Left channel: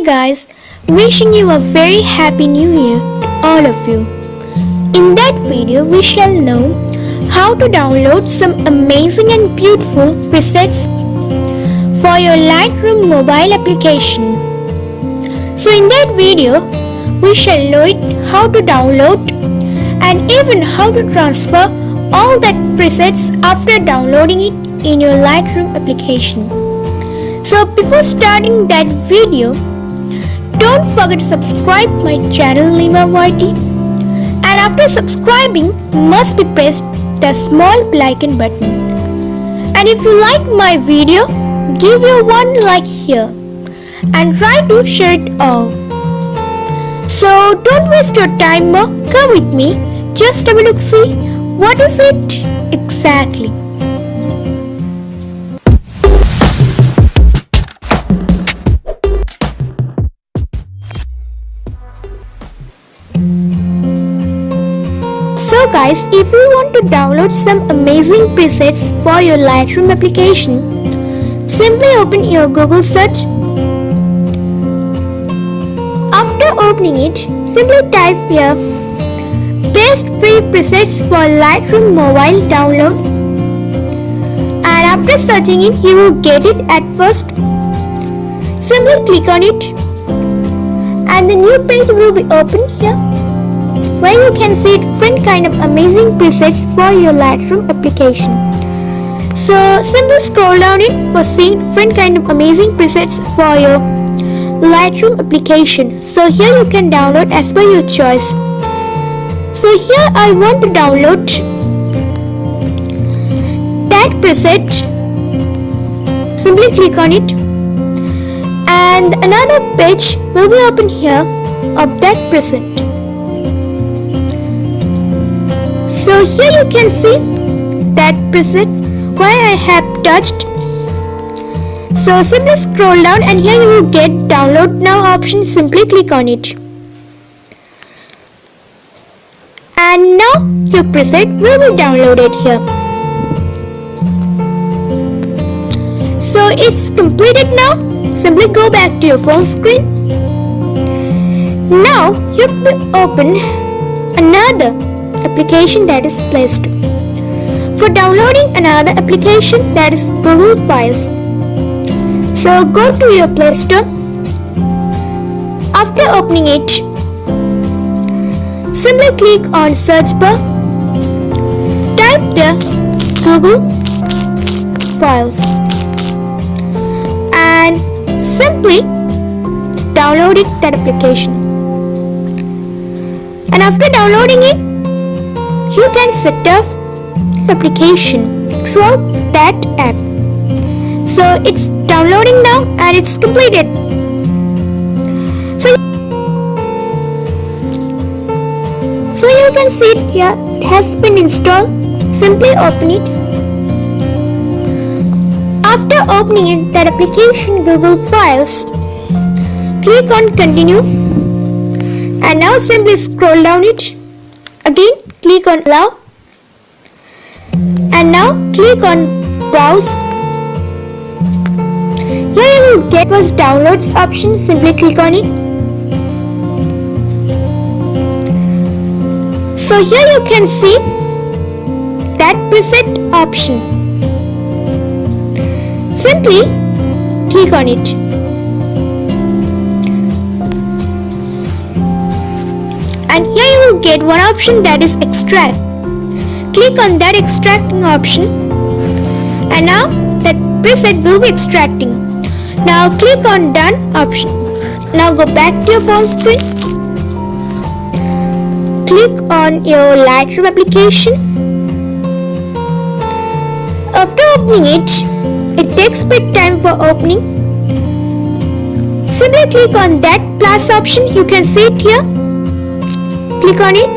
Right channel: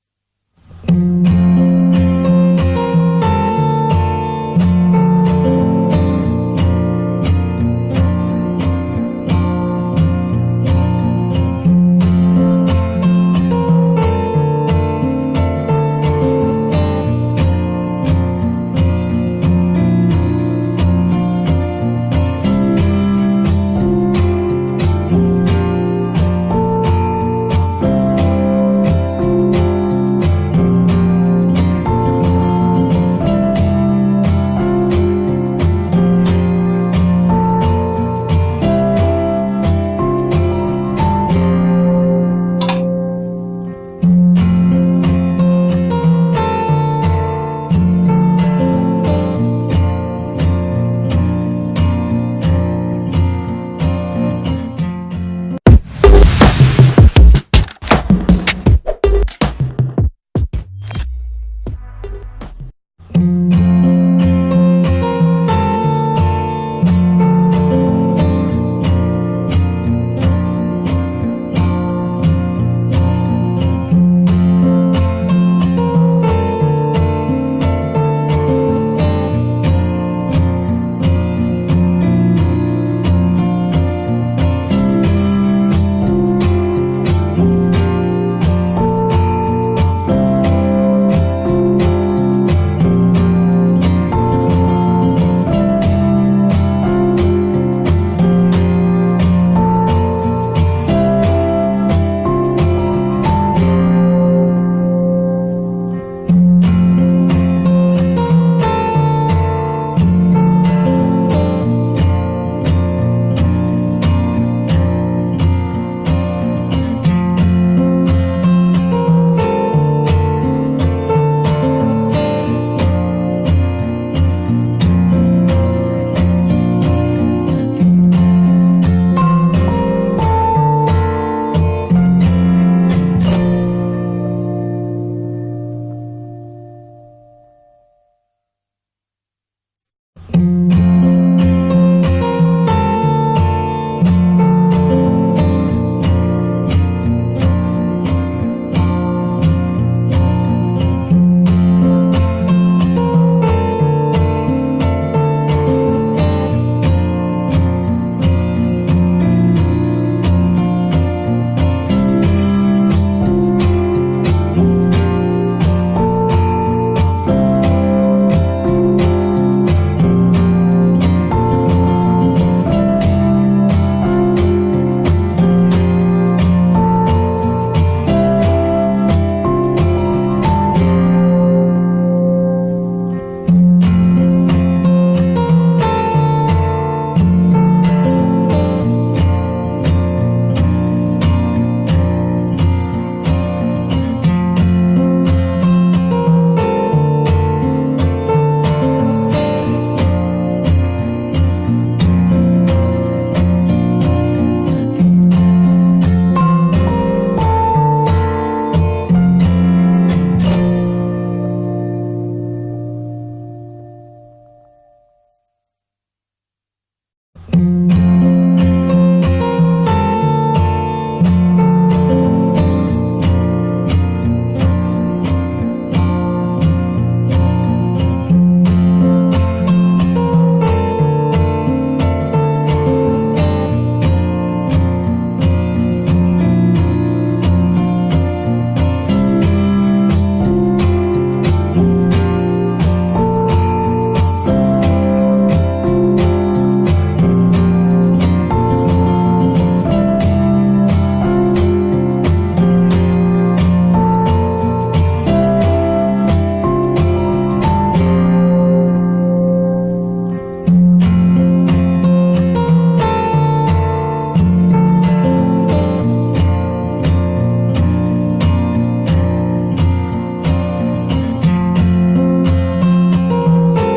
Hey guys, wishing you a very happy new year, all of you. In that video, we shall know how to download some amazing and beautiful presets for your Lightroom mobile application. So in that video, we shall know how to download and even how to transfer all that presets after downloading it in your Lightroom application. So before starting that video, don't forget to subscribe my channel Lima YT, and after subscribing must be pressed the small bell icon button. And if you like my video, give your one like here and try to share it all. So don't waste your time more, come with me, just have a look, see what is it exactly. So guys, if you want to download some amazing presets for your Lightroom application, simply open your Google search. After opening it, simply type here best free presets for Lightroom mobile download, and after searching it, you will get it at first. Simply click on it and the new page will be opened here, where you can see different kind of amazing presets for your Lightroom application. So simply scroll down it for seeing different kind of amazing presets for your Lightroom application. So here you can download as per your choice. So here I want to download that preset. Simply click on it and another page will be open here of that preset. So here you can see that preset where I have touched. So simply scroll down and here you will get download now option. Simply click on it. And now your preset will be downloaded here. So it's completed now. Simply go back to your phone screen. Now you will open another application, that is Play Store. For downloading another application, that is Google Files. So go to your Play Store. After opening it, simply click on search bar, type the Google Files and simply download that application. And after downloading it, you can set up the application through that app. So it's downloading now and it's completed. So you can see it here, it has been installed. Simply open it. After opening it, that application Google Files, click on continue and now simply scroll down it. Again click on allow and now click on browse. Here you will get first downloads option. Simply click on it. So here you can see that preset option. Simply click on it. And here you will get one option, that is extract. Click on that extracting option and now that preset will be extracting. Now click on done option. Now go back to your phone screen. Click on your Lightroom application. After opening it, it takes a bit time for opening. Simply click on that plus option. You can see it here. Click on it.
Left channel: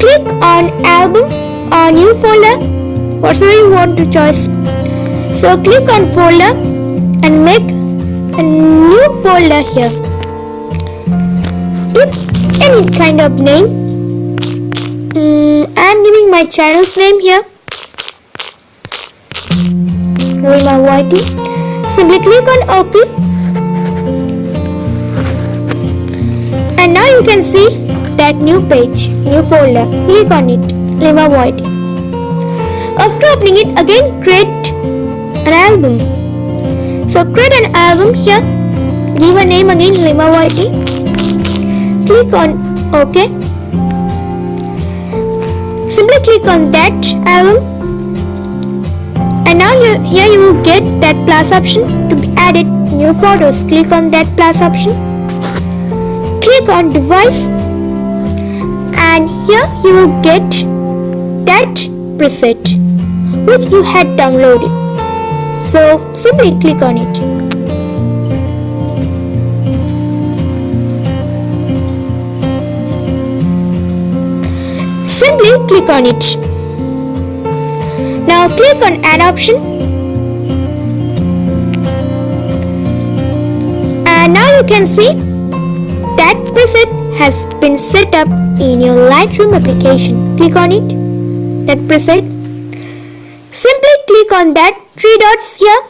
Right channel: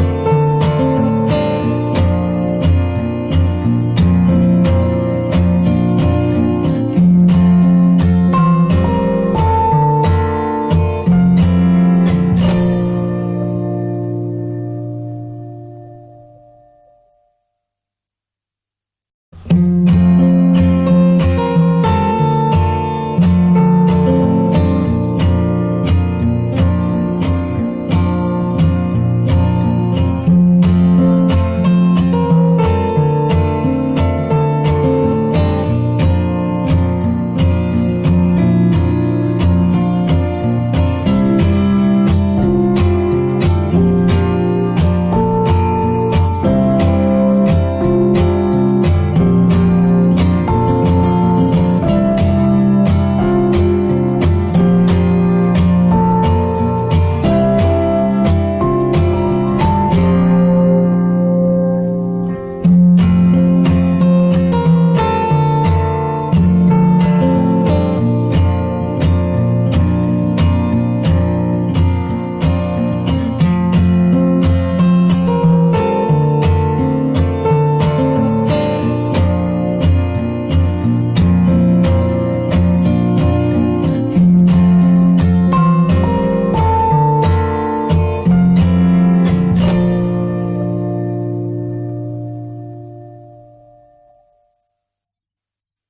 Click on album or new folder, whatever you want to choose. So click on folder and make a new folder here. Put any kind of name. I am giving my channel's name here, Lima YT. Simply click on OK. can see that new page, new folder. Click on it, Lima White. After opening it, again create an album. So create an album here. Give a name again, Lima Whitey. Click on OK. Simply click on that album. And now here you will get that plus option to be added new photos. Click on that plus option. Click on device. And here you will get that preset which you had downloaded. So simply click on it. Simply click on it. Now click on add option. And now you can see that preset has been set up in your Lightroom application. Click on it, that preset. Simply click on that 3 dots here.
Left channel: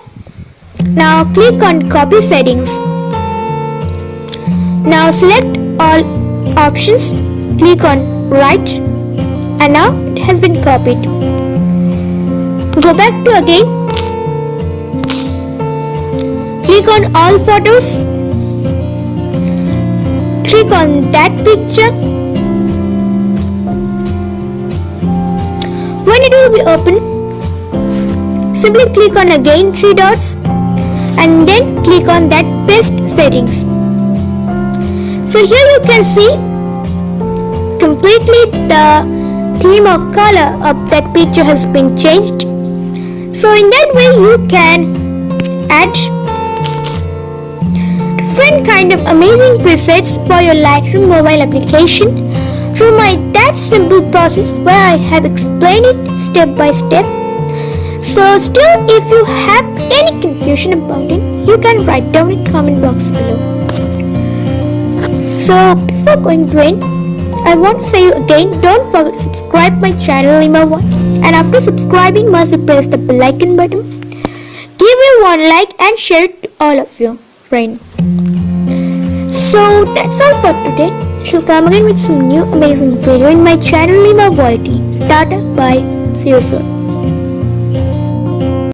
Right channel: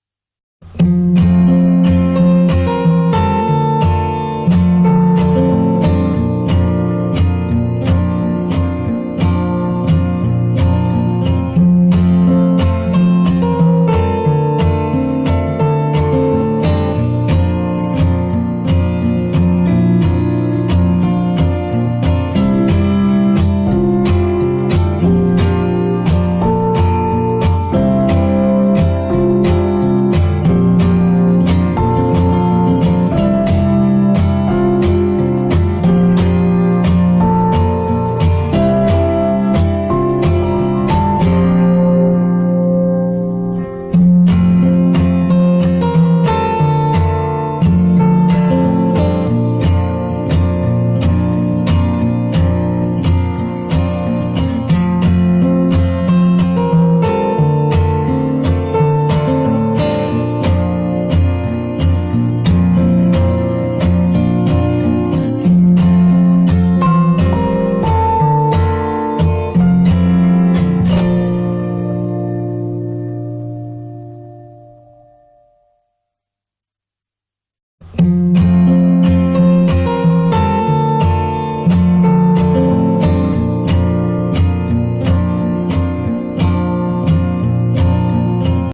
Now click on copy settings. Now select all options. Click on right. And now it has been copied. Go back to again. Click on all photos. Click on that picture. When it will be open, simply click on again 3 dots and then click on that paste settings. So here you can see completely the theme or color of that picture has been changed. So in that way you can add different kind of amazing presets for your Lightroom mobile application through that simple process where I have explained it step by step. So still, if you have any confusion about it, you can write down in comment box below. So before going to end, I want to say you again, don't forget to subscribe my channel Lima White, and after subscribing must press the bell icon button. Give me one like and share it to all of your friends. So that's all for today. I shall come again with some new amazing video in my channel Lima White. Tata, bye, see you soon.